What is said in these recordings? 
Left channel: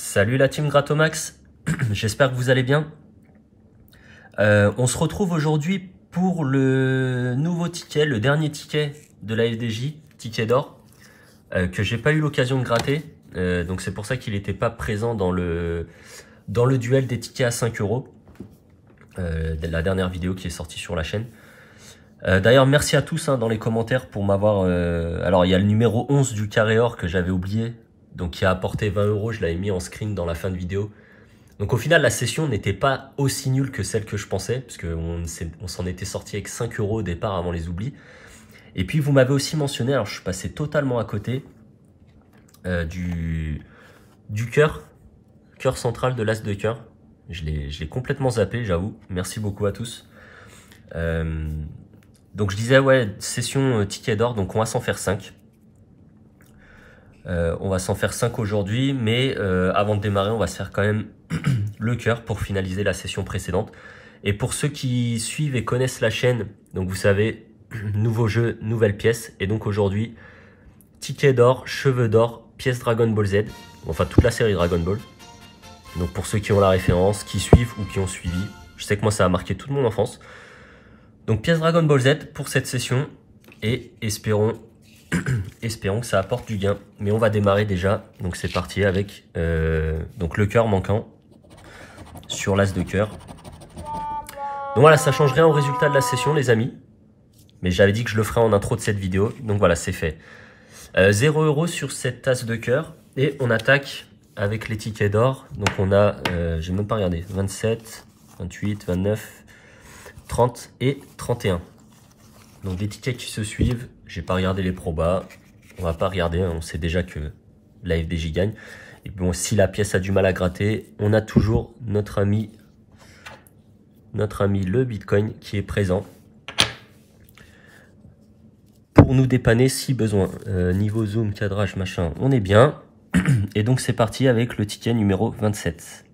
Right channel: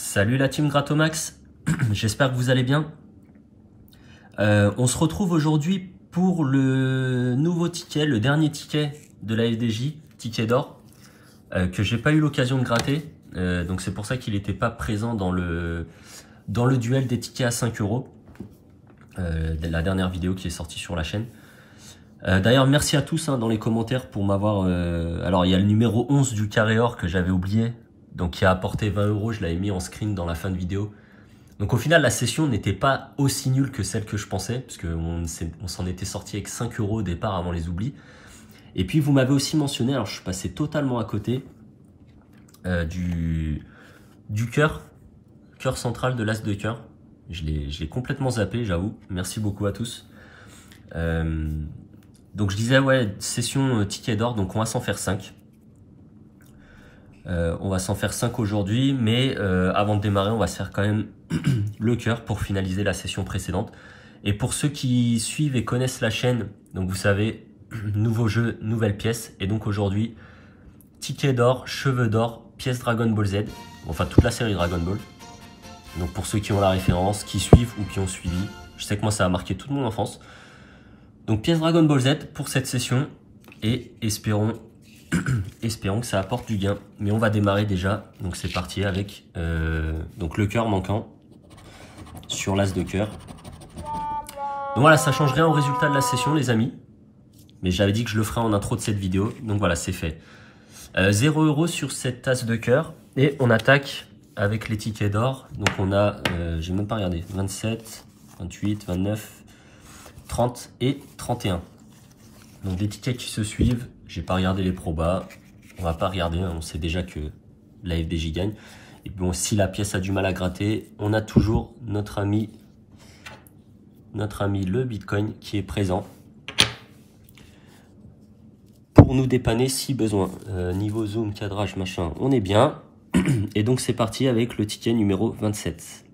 Salut la team Gratomax, j'espère que vous allez bien. On se retrouve aujourd'hui pour le nouveau ticket, le dernier ticket de la FDJ, ticket d'or, que j'ai pas eu l'occasion de gratter. Donc c'est pour ça qu'il n'était pas présent dans le duel des tickets à 5 euros, la dernière vidéo qui est sortie sur la chaîne. D'ailleurs merci à tous dans les commentaires pour m'avoir... alors il y a le numéro 11 du carré or que j'avais oublié, donc qui a apporté 20 euros, je l'avais mis en screen dans la fin de vidéo. Donc au final la session n'était pas aussi nulle que celle que je pensais, parce qu'on s'en était sorti avec 5 euros au départ avant les oublis. Et puis vous m'avez aussi mentionné, alors je suis passé totalement à côté, du cœur central de l'as de cœur. Je l'ai complètement zappé, j'avoue. Merci beaucoup à tous. Donc je disais, ouais, session ticket d'or, donc on va s'en faire 5. On va s'en faire 5 aujourd'hui, mais avant de démarrer, on va se faire quand même le cœur pour finaliser la session précédente. Et pour ceux qui suivent et connaissent la chaîne, donc vous savez, nouveau jeu, nouvelle pièce. Et donc aujourd'hui, ticket d'or, cheveux d'or, pièce Dragon Ball Z, enfin toute la série Dragon Ball. Donc pour ceux qui ont la référence, qui suivent ou qui ont suivi, je sais que moi ça a marqué toute mon enfance. Donc pièce Dragon Ball Z pour cette session et espérons que ça apporte du gain. Mais on va démarrer déjà. Donc c'est parti avec donc le cœur manquant sur l'as de cœur. Donc voilà, ça change rien au résultat de la session les amis. Mais j'avais dit que je le ferais en intro de cette vidéo. Donc voilà, c'est fait. 0 euros sur cette as de cœur. Et on attaque avec les tickets d'or. Donc on a, j'ai même pas regardé, 27, 28, 29, 30 et 31. Donc les tickets qui se suivent. J'ai pas regardé les probas, on va pas regarder, on sait déjà que la FDJ gagne. Et bon, si la pièce a du mal à gratter, on a toujours notre ami le Bitcoin qui est présent pour nous dépanner si besoin. Niveau zoom, cadrage, machin, on est bien. Et donc c'est parti avec le ticket numéro 27.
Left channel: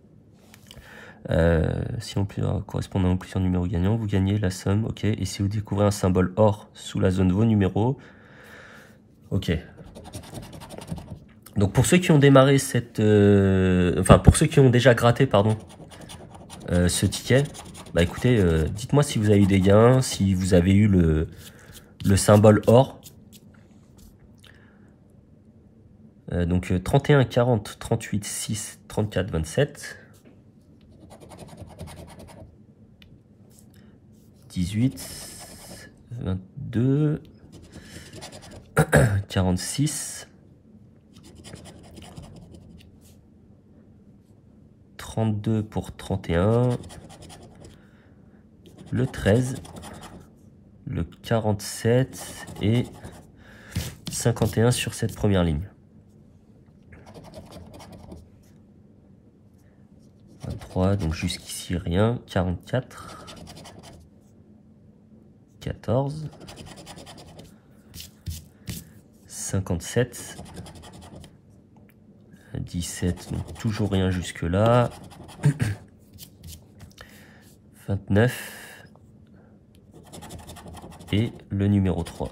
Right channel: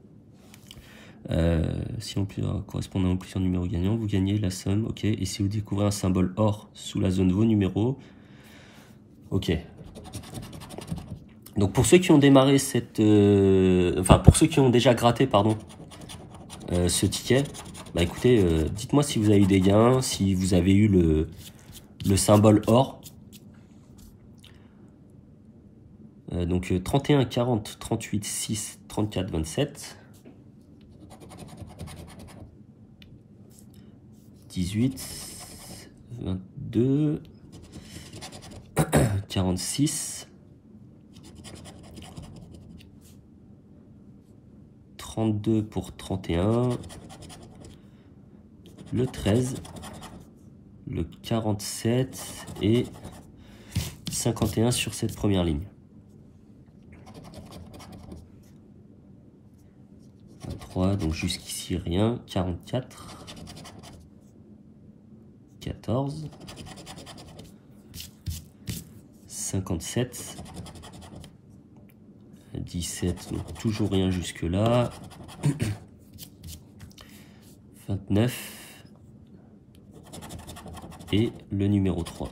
Si en correspondant aux plusieurs numéros gagnants, vous gagnez la somme, ok. Et si vous découvrez un symbole or sous la zone de vos numéros, ok. Donc pour ceux qui ont démarré cette, enfin pour ceux qui ont déjà gratté, pardon, ce ticket, bah écoutez, dites-moi si vous avez eu des gains, si vous avez eu le symbole or. Donc 31, 40, 38, 6, 34, 27. 18, 22, 46, 32 pour 31, le 13, le 47 et 51 sur cette première ligne. 23, donc jusqu'ici rien, 44. 14, 57, 17, donc toujours rien jusque là, 29 et le numéro 3.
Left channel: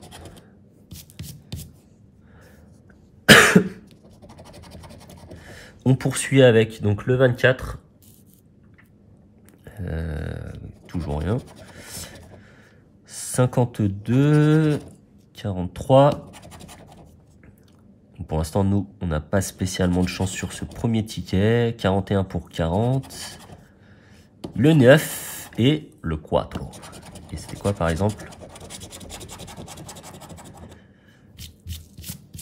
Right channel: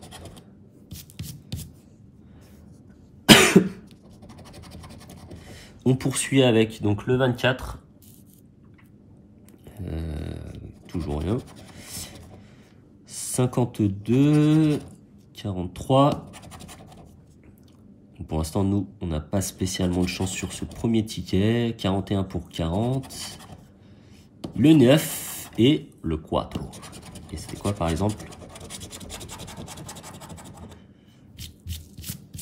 On poursuit avec donc le 24, toujours rien. 52, 43. Pour l'instant, nous, on n'a pas spécialement de chance sur ce premier ticket. 41 pour 40. Le 9 et le 4. Et c'était quoi par exemple?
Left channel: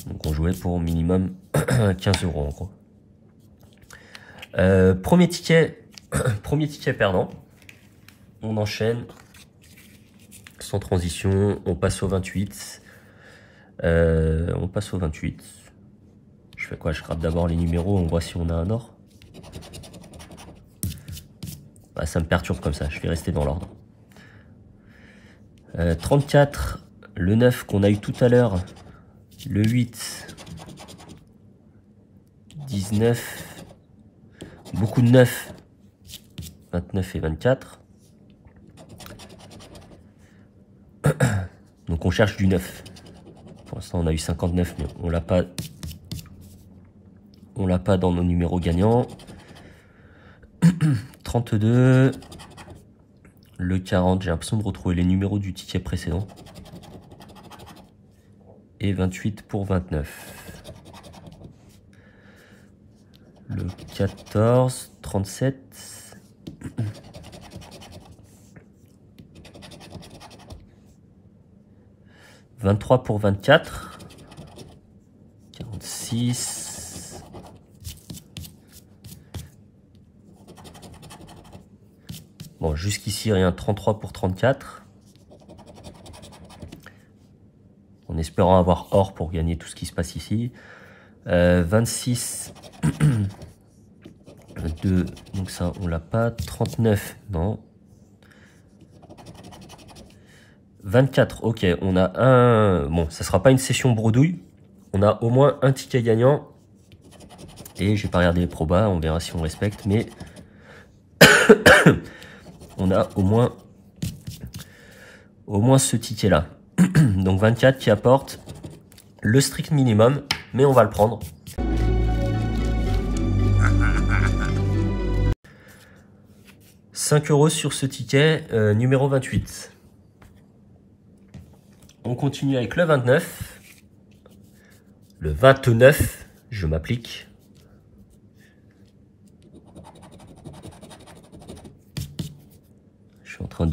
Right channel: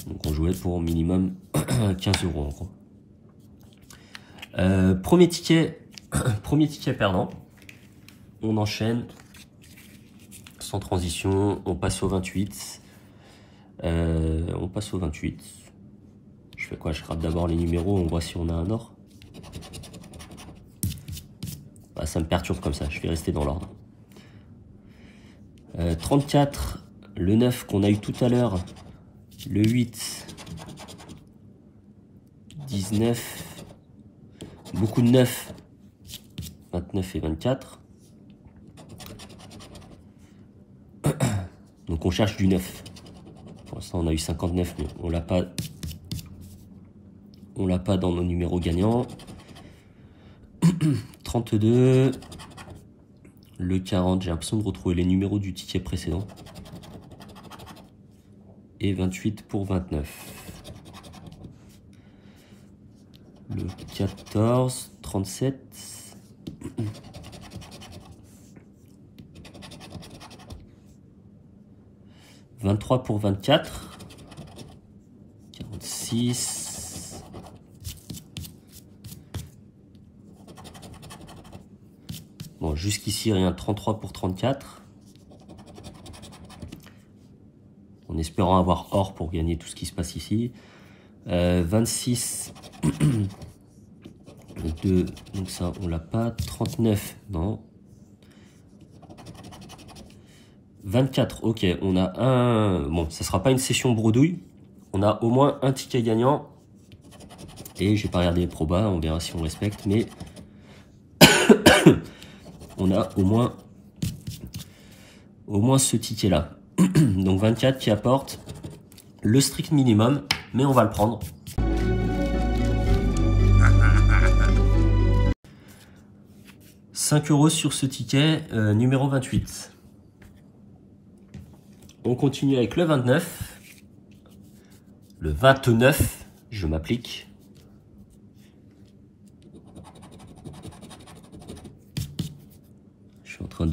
Donc on jouait pour minimum 15 euros en gros. Premier ticket perdant. On enchaîne. Sans transition, on passe au 28. On passe au 28. Je fais quoi? Je gratte d'abord les numéros, on voit si on a un or. Bah, ça me perturbe comme ça, je vais rester dans l'ordre. 34, le 9 qu'on a eu tout à l'heure, le 8, 19, beaucoup de 9, 29 et 24. Donc on cherche du 9. Pour l'instant on a eu 59 mais on l'a pas on l'a pas dans nos numéros gagnants. 32. Le 40, j'ai l'impression de retrouver les numéros du ticket précédent. Et 28 pour 29. Le 14, 37. 23 pour 24. 46. Bon, jusqu'ici, rien. 33 pour 34. En espérant avoir or pour gagner tout ce qui se passe ici. 26. 2. Donc ça, on l'a pas. 39. Non. 24. Ok, on a un... Bon, ça sera pas une session bredouille. On a au moins un ticket gagnant. Et j'ai pas regardé les probas. On verra si on respecte. Mais... on a au moins ce ticket là. Donc 24 qui apporte le strict minimum, mais on va le prendre. « 5 € sur ce ticket numéro 28. On continue avec le 29. Le 29, je m'applique. Je suis en train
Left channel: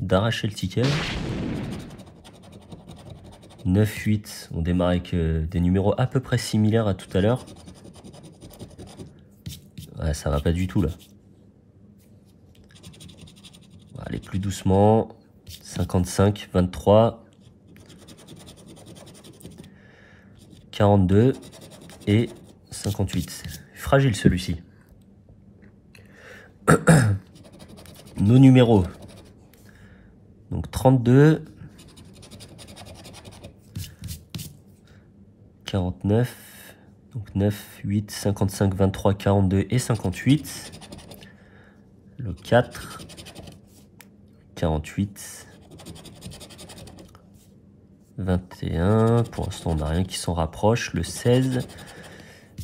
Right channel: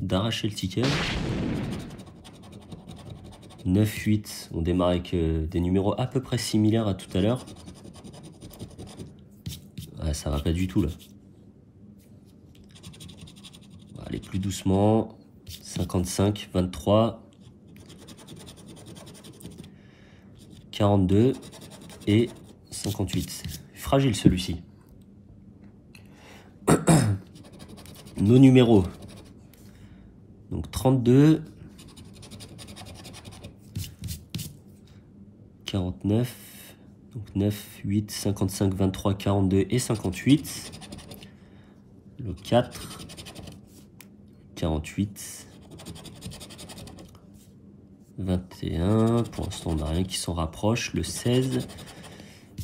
d'arracher le ticket. 9, 8, on démarre avec des numéros à peu près similaires à tout à l'heure. Ouais, ça va pas du tout là. On va aller plus doucement. 55, 23, 42 et 58. Fragile celui-ci. Nos numéros. Donc 32. 49, donc 9, 8, 55, 23, 42 et 58. Le 4, 48, 21, pour l'instant on n'a rien qui s'en rapproche, le 16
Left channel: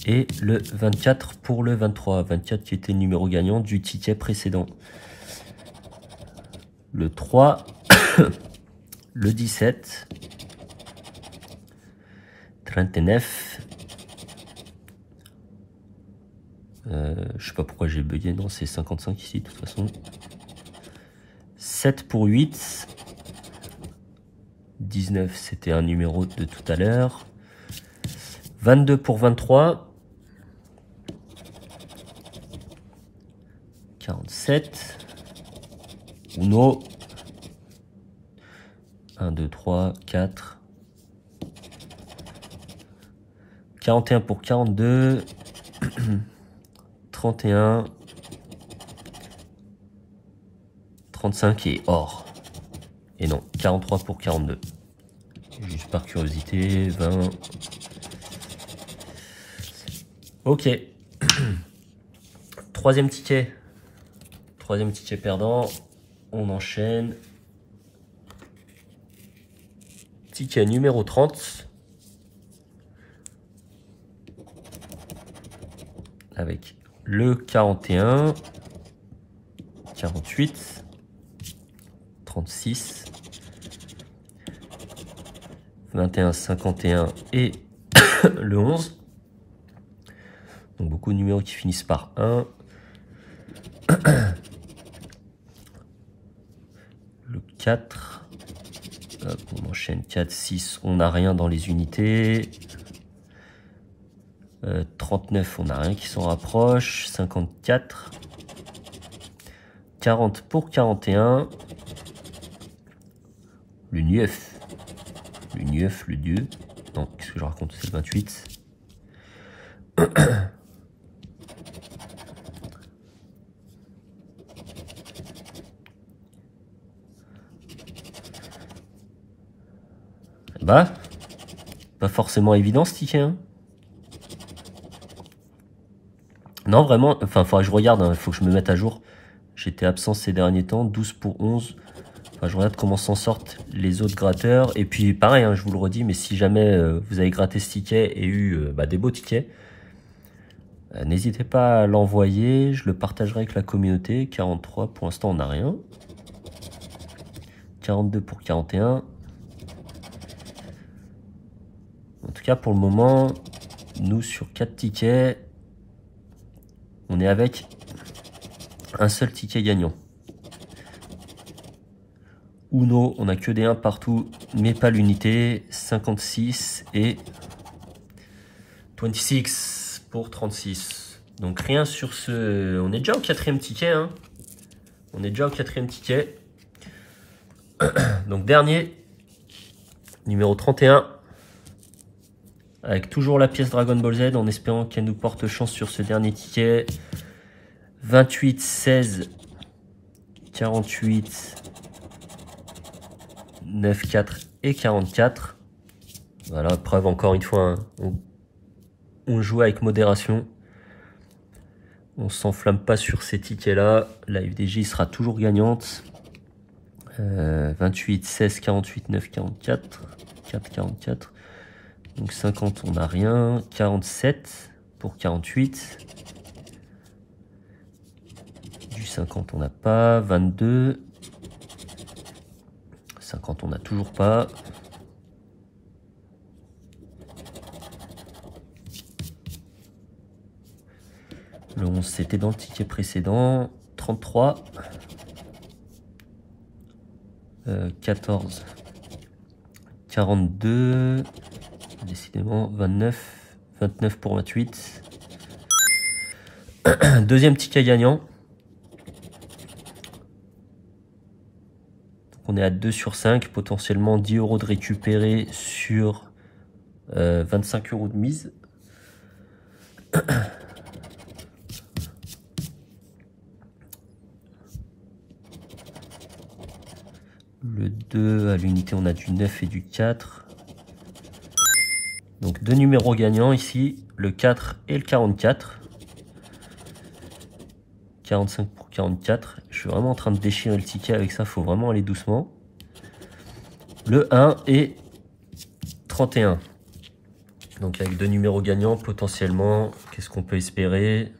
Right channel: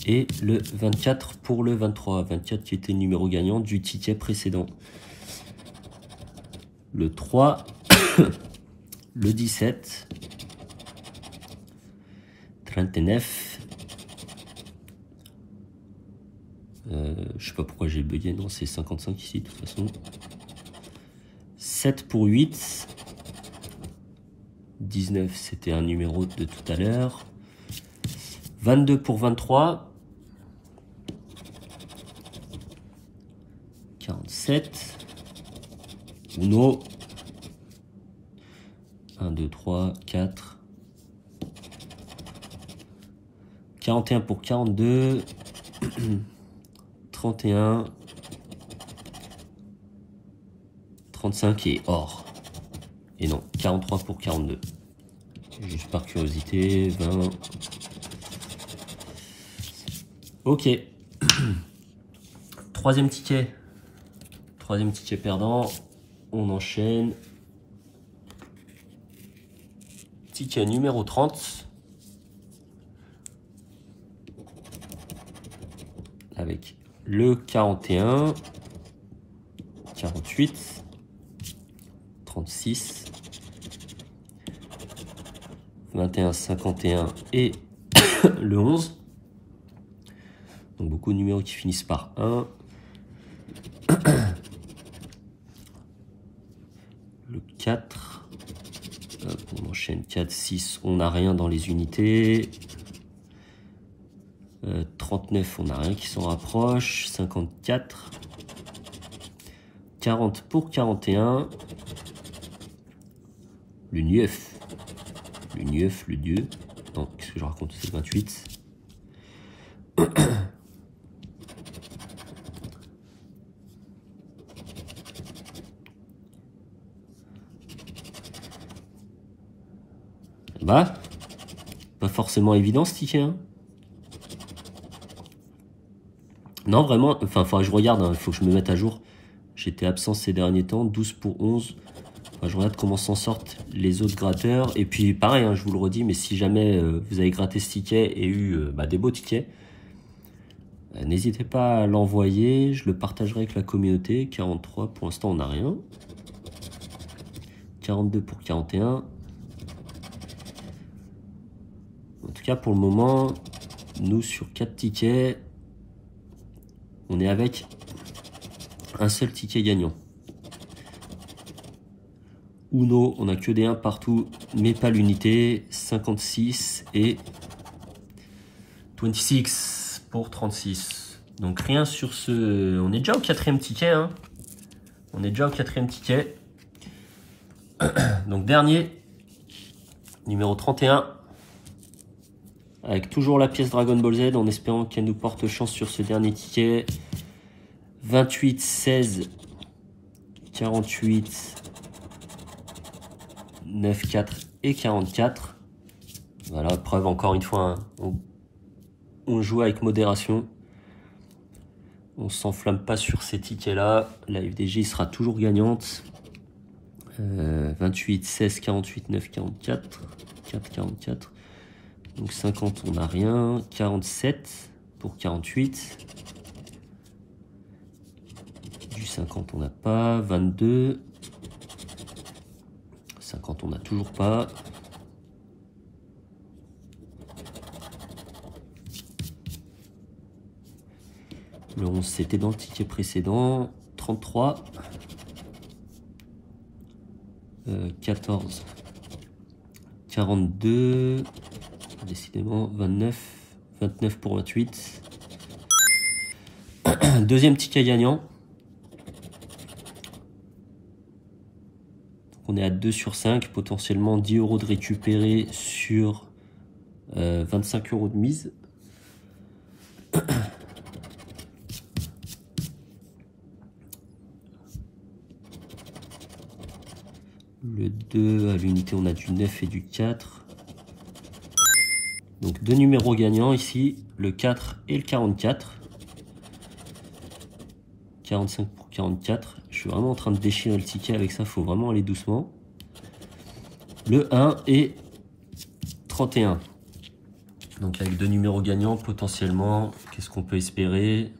et le 24 pour le 23, 24 qui était le numéro gagnant du ticket précédent. Le 3, le 17, 39. Je sais pas pourquoi j'ai bugué, non c'est 55 ici de toute façon. 7 pour 8. 19 c'était un numéro de tout à l'heure. 22 pour 23. 47. Uno. 1, 2, 3, 4. 41 pour 42, 31, 35 et or. Et non, 43 pour 42. Juste par curiosité, 20. Ok. Troisième ticket perdant. On enchaîne. Ticket numéro 30. Avec le 41, 48, 36, 21, 51 et le 11. Donc beaucoup de numéros qui finissent par 1. Le 4. Hop, on enchaîne 4, 6. On n'a rien dans les unités. 39, on n'a rien qui s'en rapproche. 54. 40 pour 41. Le 9. Le 9, le 2. Non, qu'est-ce que je raconte? C'est 28. Bah, pas forcément évident ce ticket, hein. Non, vraiment, enfin, faudrait que je regarde, il faut que je me mette à jour. J'étais absent ces derniers temps, 12 pour 11. Enfin, je regarde comment s'en sortent les autres gratteurs. Et puis, pareil, hein, je vous le redis, mais si jamais vous avez gratté ce ticket et eu des beaux tickets, N'hésitez pas à l'envoyer, je le partagerai avec la communauté. 43, pour l'instant on n'a rien. 42 pour 41. En tout cas pour le moment, nous sur 4 tickets, on est avec un seul ticket gagnant. Uno, on n'a que des 1 partout, mais pas l'unité. 56 et 26 pour 36. Donc rien sur ce... On est déjà au 4e ticket. Hein. On est déjà au 4e ticket. Donc dernier, numéro 31. Avec toujours la pièce Dragon Ball Z, en espérant qu'elle nous porte chance sur ce dernier ticket. 28, 16, 48... 9, 4 et 44. Voilà, preuve encore une fois, hein, on joue avec modération. On s'enflamme pas sur ces tickets-là. La FDJ sera toujours gagnante. 28, 16, 48, 9, 44. 4, 44. Donc 50, on n'a rien. 47 pour 48. Du 50, on n'a pas. 22. 50, on n'a toujours pas. Le 11, c'était dans le ticket précédent. 33. 14. 42. Décidément, 29. 29 pour 28. Deuxième ticket gagnant. On est à 2 sur 5, potentiellement 10 € de récupérer sur 25 € de mise. Le 2 à l'unité, on a du 9 et du 4. Donc deux numéros gagnants ici, le 4 et le 44. 45 pour 44. Je suis vraiment en train de déchirer le ticket avec ça, il faut vraiment aller doucement. Le 1 et 31. Donc avec deux numéros gagnants, potentiellement, qu'est-ce qu'on peut espérer?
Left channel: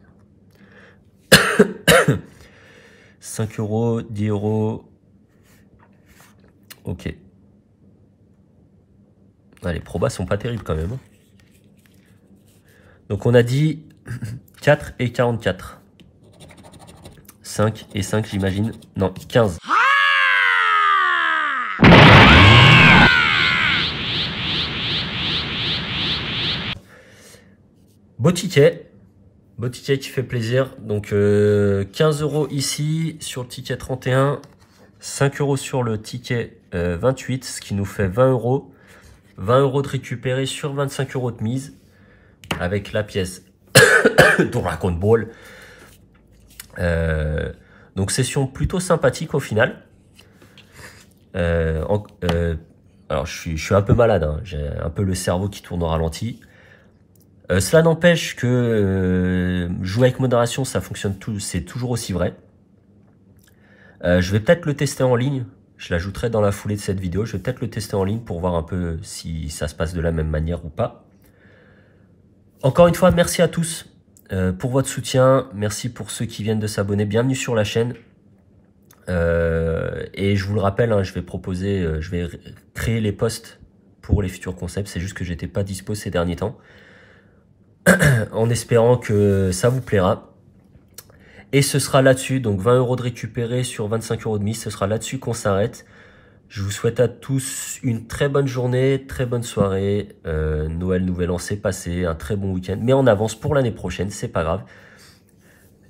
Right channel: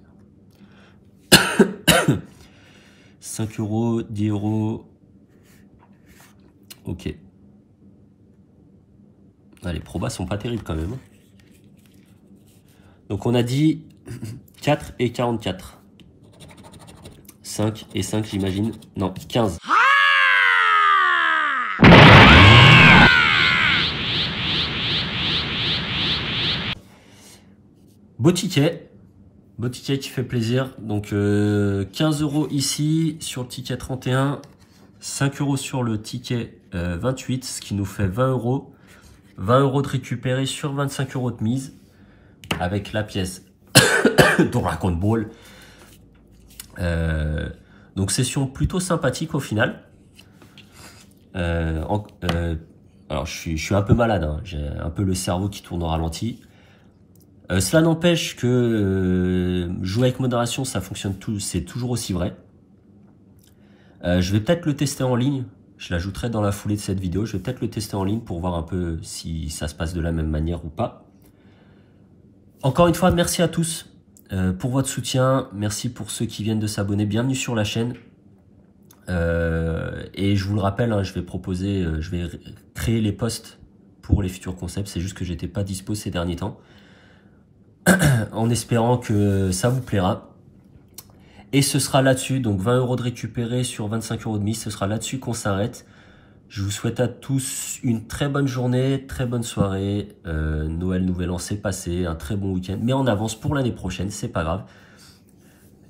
5 €, 10 €. Ok. Ah, les probas sont pas terribles quand même. Donc on a dit 4 et 44. 5 et 5 j'imagine. Non, 15. Beau ticket. Beau ticket qui fait plaisir. Donc 15 € ici sur le ticket 31. 5 € sur le ticket 28. Ce qui nous fait 20 €. 20 € de récupérer sur 25 € de mise. Avec la pièce Dragon Ball. Donc session plutôt sympathique au final. Alors je suis un peu malade, hein. J'ai un peu le cerveau qui tourne au ralenti. Cela n'empêche que jouer avec modération, ça fonctionne c'est toujours aussi vrai. Je vais peut-être le tester en ligne. Je l'ajouterai dans la foulée de cette vidéo. Je vais peut-être le tester en ligne pour voir un peu si ça se passe de la même manière ou pas. Encore une fois, merci à tous pour votre soutien. Merci pour ceux qui viennent de s'abonner. Bienvenue sur la chaîne. Et je vous le rappelle, hein, je vais créer les posts pour les futurs concepts. C'est juste que j'étais pas dispo ces derniers temps. En espérant que ça vous plaira. Et ce sera là-dessus, donc 20 € de récupérer sur 25 € de mise, ce sera là-dessus qu'on s'arrête. Je vous souhaite à tous une très bonne journée, très bonne soirée. Noël, Nouvel An, c'est passé, un très bon week-end. Mais on avance pour l'année prochaine, c'est pas grave.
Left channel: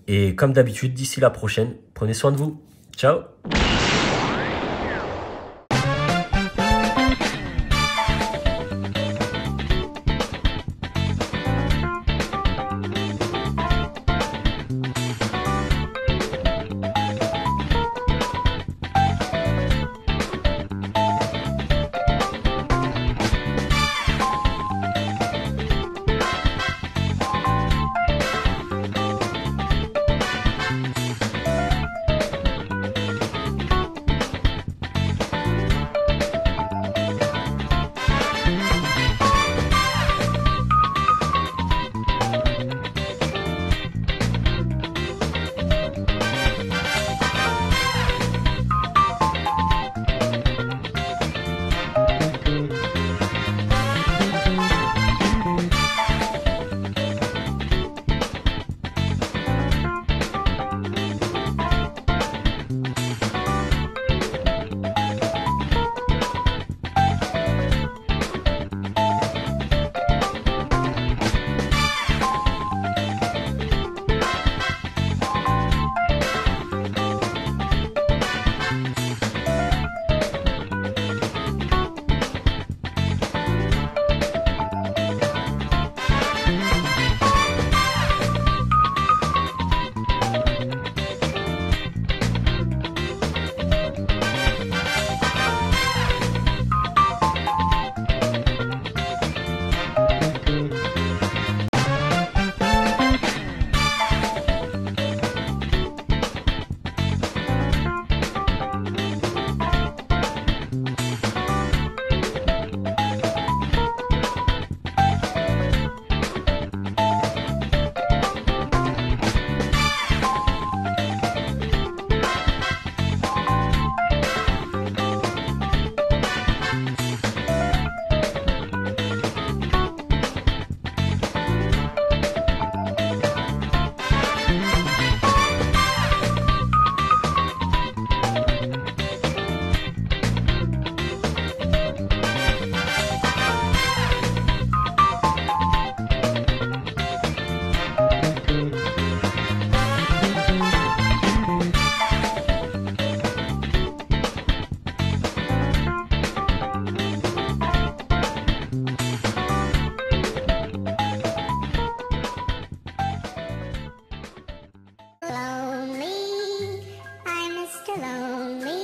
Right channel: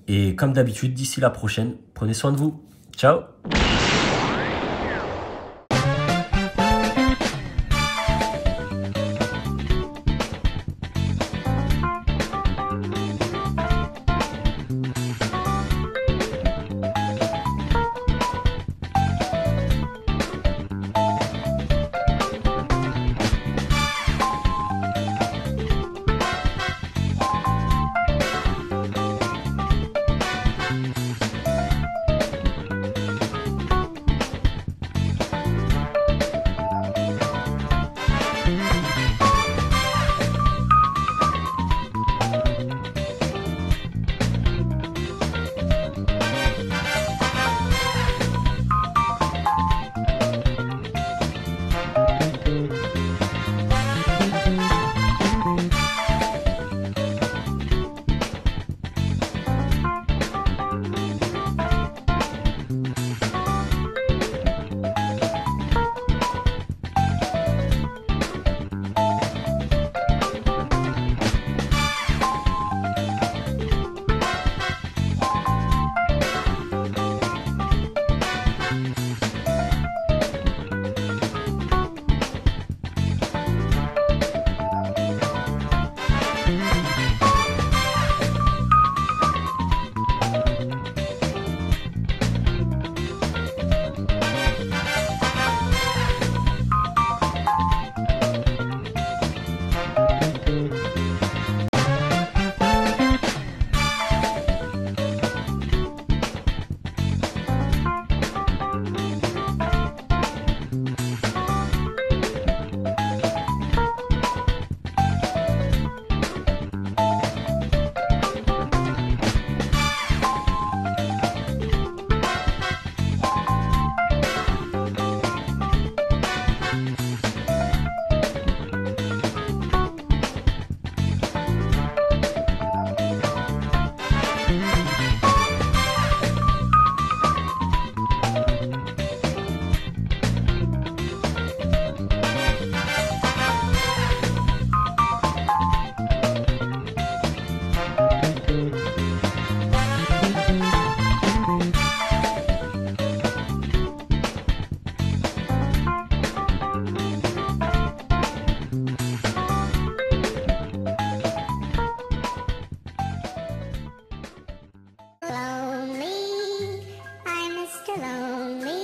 Et comme d'habitude, d'ici la prochaine, prenez soin de vous. Ciao! lonely